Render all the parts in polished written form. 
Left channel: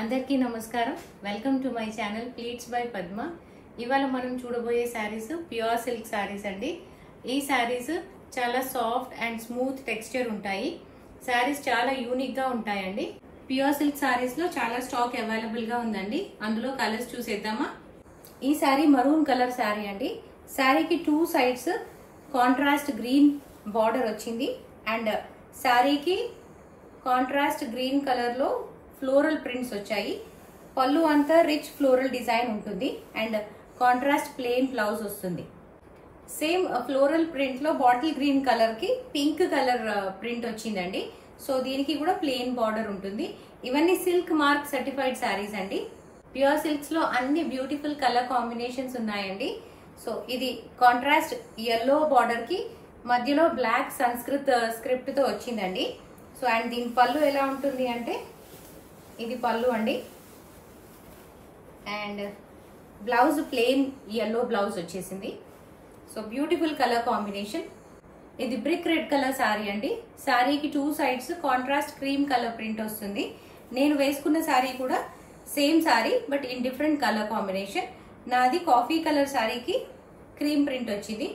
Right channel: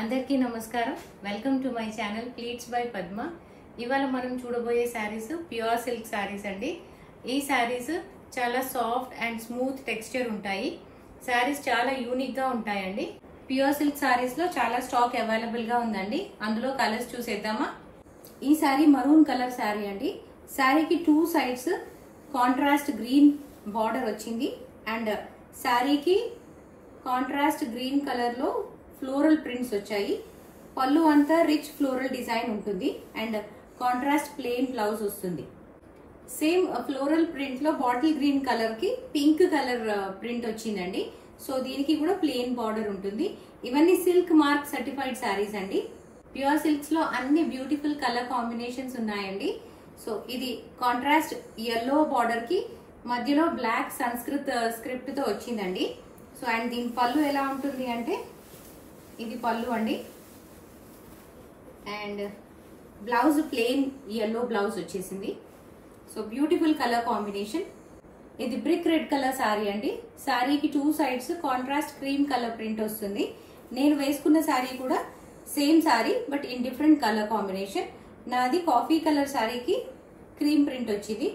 అందరికీ నమస్కారం. Welcome to my channel pleats by Padma. ఇవాళ మనం చూడబోయే శారీస్ ప్యూర్ సిల్క్ శారీస్ అండి. ఈ శారీస్ చాలా సాఫ్ట్ అండ్ స్మూత్ టెక్స్చర్ ఉంటాయి. శారీస్ చాలా యూనిక్ గా ఉంటాయండి. ప్యూర్ సిల్క్ శారీస్ లో చాలా స్టాక్ అవైలబుల్ గా ఉందండి. అందులో కలర్స్ చూసేద్దామా. ఈ శారీ మరూన్ కలర్ శారీ అండి. శారీకి two sides contrast green border వచ్చింది అండ్ శారీకి కాంట్రాస్ట్ గ్రీన్ కలర్ లో ఫ్లోరల్ ప్రింట్స్ వచ్చాయి. పళ్ళు అంతా రిచ్ ఫ్లోరల్ డిజైన్ ఉంటుంది అండ్ కాంట్రాస్ట్ ప్లెయిన్ బ్లౌజ్ వస్తుంది. సేమ్ ఫ్లోరల్ ప్రింట్ లో బాటిల్ గ్రీన్ కలర్ కి పింక్ కలర్ ప్రింట్ వచ్చిందండి. సో దీనికి కూడా ప్లెయిన్ బార్డర్ ఉంటుంది. ఇవన్నీ సిల్క్ మార్క్ సర్టిఫైడ్ శారీస్ అండి. ప్యూర్ సిల్క్స్ లో అన్ని బ్యూటిఫుల్ కలర్ కాంబినేషన్స్ ఉన్నాయండి. సో ఇది కాంట్రాస్ట్ ఎల్లో బార్డర్ కి మధ్యలో బ్లాక్ సంస్కృత్ స్క్రిప్ట్ తో వచ్చిందండి. సో అండ్ దీని పళ్ళు ఎలా ఉంటుంది అంటే ఇది పళ్ళు అండి and blouse plain yellow blouse వచ్చేసింది. So beautiful colour combination. ఇది బ్రిక్ రెడ్ కలర్ శారీ అండి. శారీకి two sides contrast cream colour print వస్తుంది. నేను వేసుకున్న శారీ కూడా same sari but in different colour combination. నాది కాఫీ కలర్ శారీకి క్రీమ్ ప్రింట్ వచ్చింది.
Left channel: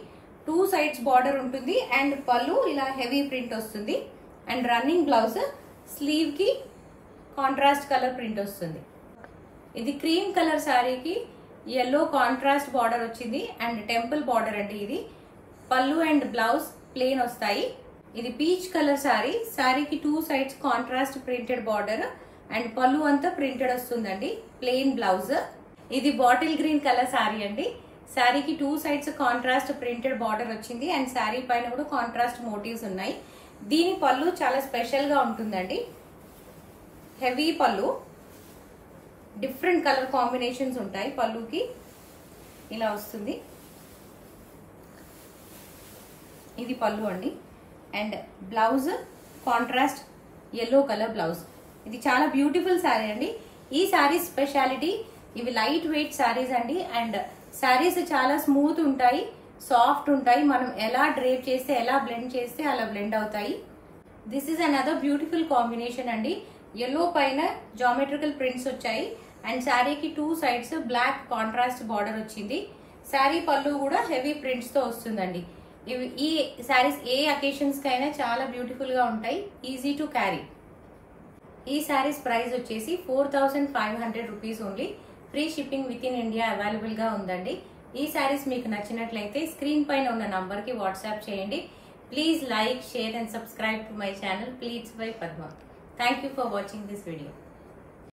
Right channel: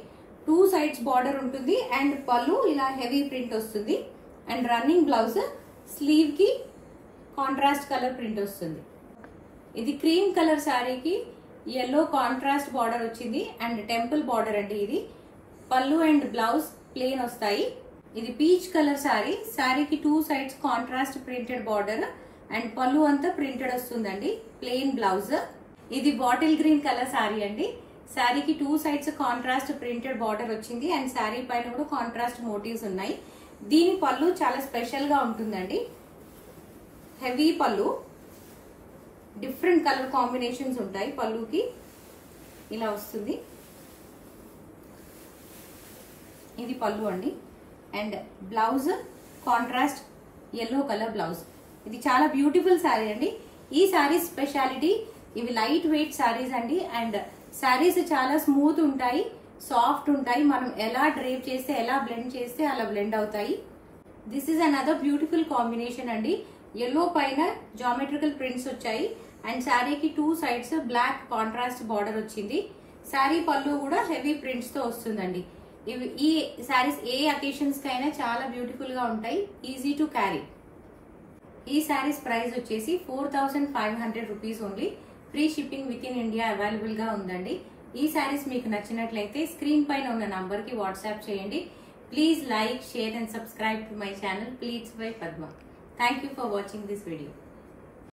టూ సైడ్స్ బార్డర్ ఉంటుంది అండ్ పళ్ళు ఇలా హెవీ ప్రింట్ వస్తుంది అండ్ రన్నింగ్ బ్లౌజ్ స్లీవ్ కి కాంట్రాస్ట్ కలర్ ప్రింట్ వస్తుంది. ఇది క్రీమ్ కలర్ శారీకి ఎల్లో కాంట్రాస్ట్ బార్డర్ వచ్చింది అండ్ టెంపుల్ బార్డర్ అండి. ఇది పళ్ళు అండ్ బ్లౌజ్ ప్లెయిన్ వస్తాయి. ఇది పీచ్ కలర్ శారీ. శారీకి two sides contrast printed border and పళ్ళు అంతా ప్రింటెడ్ వస్తుందండి. Plain blouse. ఇది బాటిల్ గ్రీన్ కలర్ శారీ అండి. శారీకి two sides contrast printed border వచ్చింది అండ్ శారీ పైన కూడా కాంట్రాస్ట్ మోటివ్స్ ఉన్నాయి. దీని పళ్ళు చాలా స్పెషల్ గా ఉంటుందండి. హెవీ పళ్ళు, డిఫరెంట్ కలర్ కాంబినేషన్స్ ఉంటాయి. పళ్ళుకి ఇలా వస్తుంది. ఇది పళ్ళు అండి and blouse contrast yellow colour blouse. ఇది చాలా బ్యూటిఫుల్ శారీ అండి. ఈ శారీ స్పెషాలిటీ ఇవి లైట్ వెయిట్ శారీస్ అండి అండ్ శారీస్ చాలా స్మూత్ ఉంటాయి, సాఫ్ట్ ఉంటాయి. మనం ఎలా డ్రేప్ చేస్తే ఎలా బ్లెండ్ చేస్తే అలా బ్లెండ్ అవుతాయి. This is another beautiful combination అండి. ఎల్లో పైన జామెట్రికల్ ప్రింట్స్ వచ్చాయి అండ్ శారీకి two sides black contrast border వచ్చింది. శారీ పళ్ళు కూడా హెవీ ప్రింట్స్ తో వస్తుందండి. ఈ శారీస్ ఏ అకేషన్స్ కైనా చాలా బ్యూటిఫుల్ గా ఉంటాయి. Easy to carry. ఈ శారీస్ ప్రైస్ వచ్చేసి 4500 rupees only. Free shipping with in India available గా ఉందండి. ఈ శారీస్ మీకు నచ్చినట్లయితే స్క్రీన్ పైన ఉన్న నంబర్ కి వాట్సాప్ చేయండి. Please like, share and subscribe to my channel pleats by Padma. Thank you for watching this video.